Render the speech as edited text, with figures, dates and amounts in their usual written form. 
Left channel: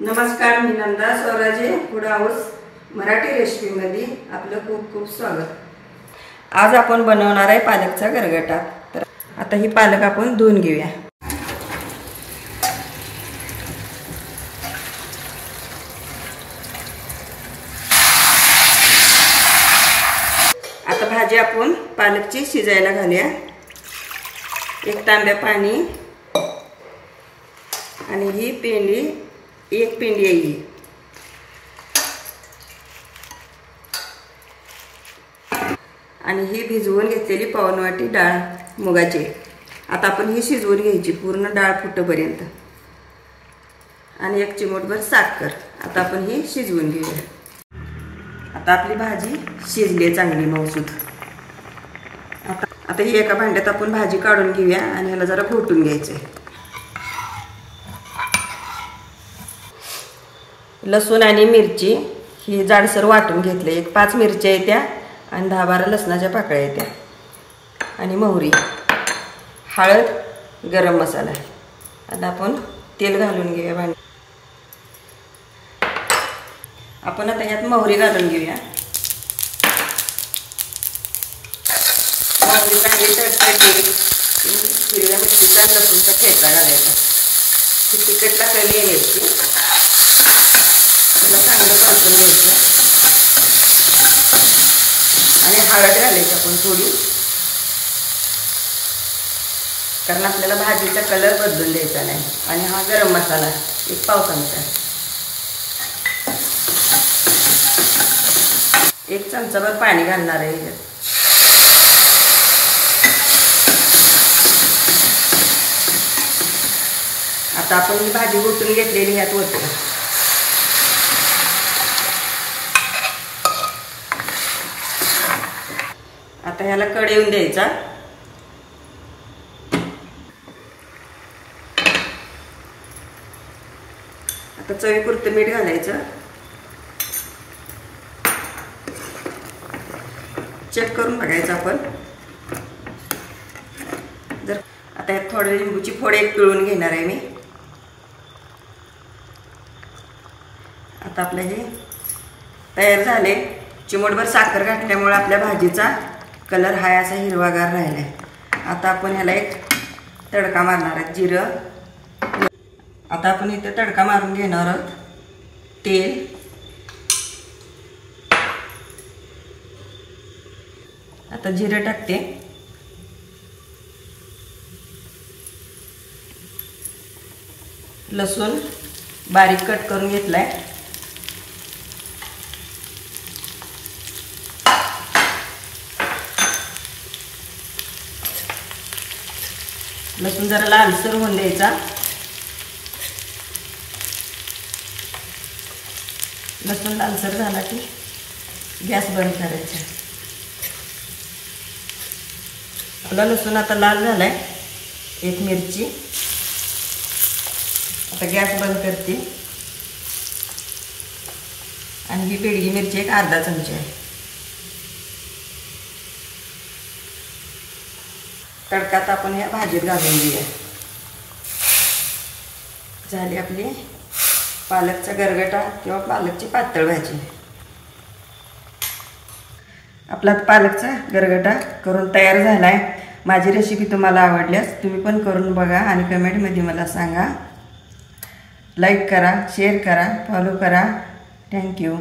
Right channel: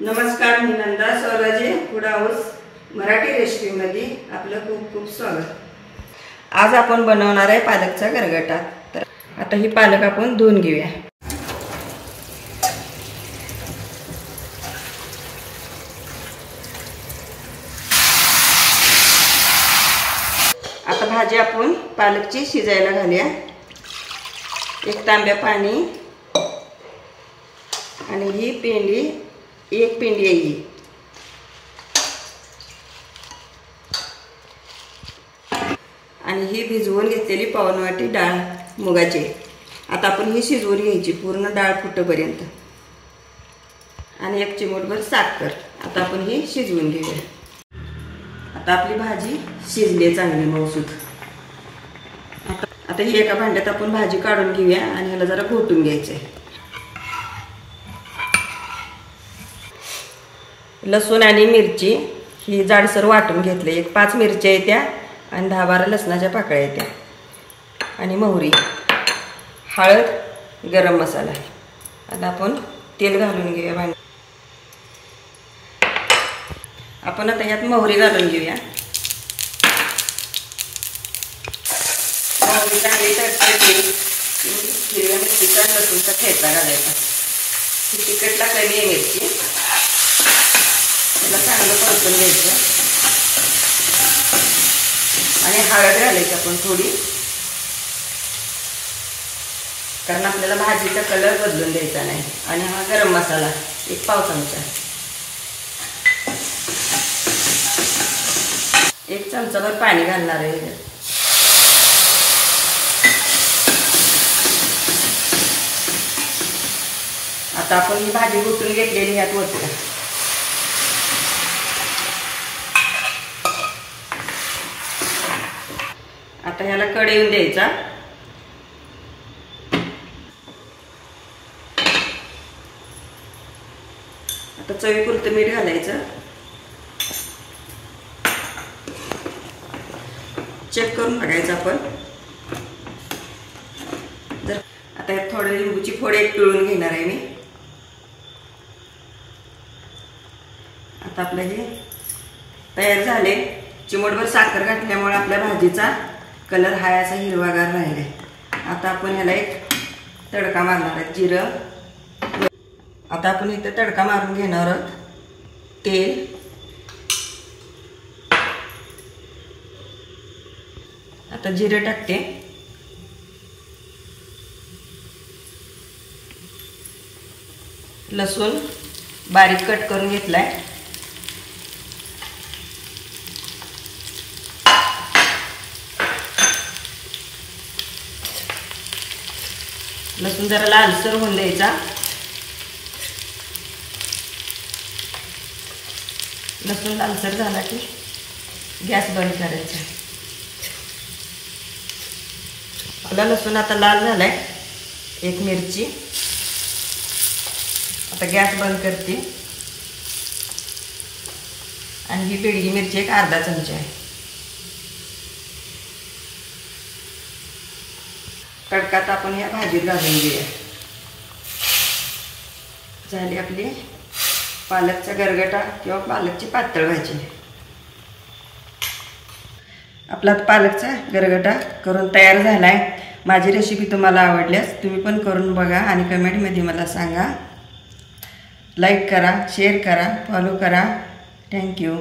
नमस्कार, मी Nanda स्वराजे food house Marathi रेसिपीमध्ये आपलं खूप खूप स्वागत। आज आपण बनवणार आहे पालकचा गरगटा। तर आता ही पालक आपण धुवून घेऊया। आता भाजी आपण पालकची शिजायला घालूया। एक तांब्या पाणी आणि ही पेंडी एक पेंडी आहे ही। आणि ही भिजवून घेतलेली पाऊण वाटी डाळ मुगाची। आता आपण ही शिजवून घ्यायची पूर्ण डाळ फुटेपर्यंत। आणि एक चिमूटभर साखर। आता आपण ही शिजवून घेऊया। आता आपली भाजी शिजली चांगली मऊसूत। आता ही एका भांड्यात आपण भाजी काढून घेऊया आणि ह्याला जरा घोटून घ्यायचे। लसूण आणि मिरची ही जाडसर वाटून घेतले। एक 5 मिरच्या आहेत त्या आणि 10-12 लसणाच्या पाकळ्या आहेत त्या आणि मोहरी, हळद, गरम मसाला। आता आपण तेल घालून घेऊया भांड्यात। आपण आता यात मोहरी घालून घेऊया। मोहरी चांगली तडतडली की हिरव्या मिरचीचा लसूणचा ठेचा घालायचा। तिखटला कमी आहे मिरची। त्याला चांगलं परतून घ्यायचं आणि हळद घालायची आपण थोडी, कारण आपल्याला भाजीचा कलर बदलून द्यायचा नाही। आणि हा गरम मसाला एक पाव चमचा, 1 चमचाभर पाणी घालणार आहे। आता आपण ही भाजी घोटून घेतलेली ह्यात ओतूया। आता ह्याला कड येऊन द्यायचा। आता चवीपुरतं मीठ घालायचं। चेक करून बघायचं आपण जर। आता यात थोडी लिंबूची फोड एक पिळून घेणार आहे मी। आता आपलं हे तयार झाले। चिमूटभर साखर घातल्यामुळे आपल्या भाजीचा कलर हाय असा हिरवागार राहिलाय। आता आपण ह्याला एक तडका मारणार आहे जिरं। आता आपण इथे तडका मारून घेणार आहोत। तेल, आता जिरं टाकते, लसूण बारीक कट करून घेतलाय, लसूण जरा लालसर होऊन द्यायचा। लसूण लालसर झाला की गॅस बंद करायचा। आपला लसूण आता लाल झालाय। एक मिरची, आता गॅस बंद करते आणि ही बेडगी मिरची एक अर्धा चमचा आहे। तडकात आपण ह्या भाजीत घालून घेऊया। झाली आपली पालकचा गरगटा किंवा पालकची पातळ भाजी। आपला पालकचा गरगटा करून तयार झालाय। माझी रेसिपी तुम्हाला आवडल्यास तुम्ही पण करून बघा आणि कमेंटमध्ये मला सांगा। लाईक करा, शेअर करा, फॉलो करा। थँक्यू।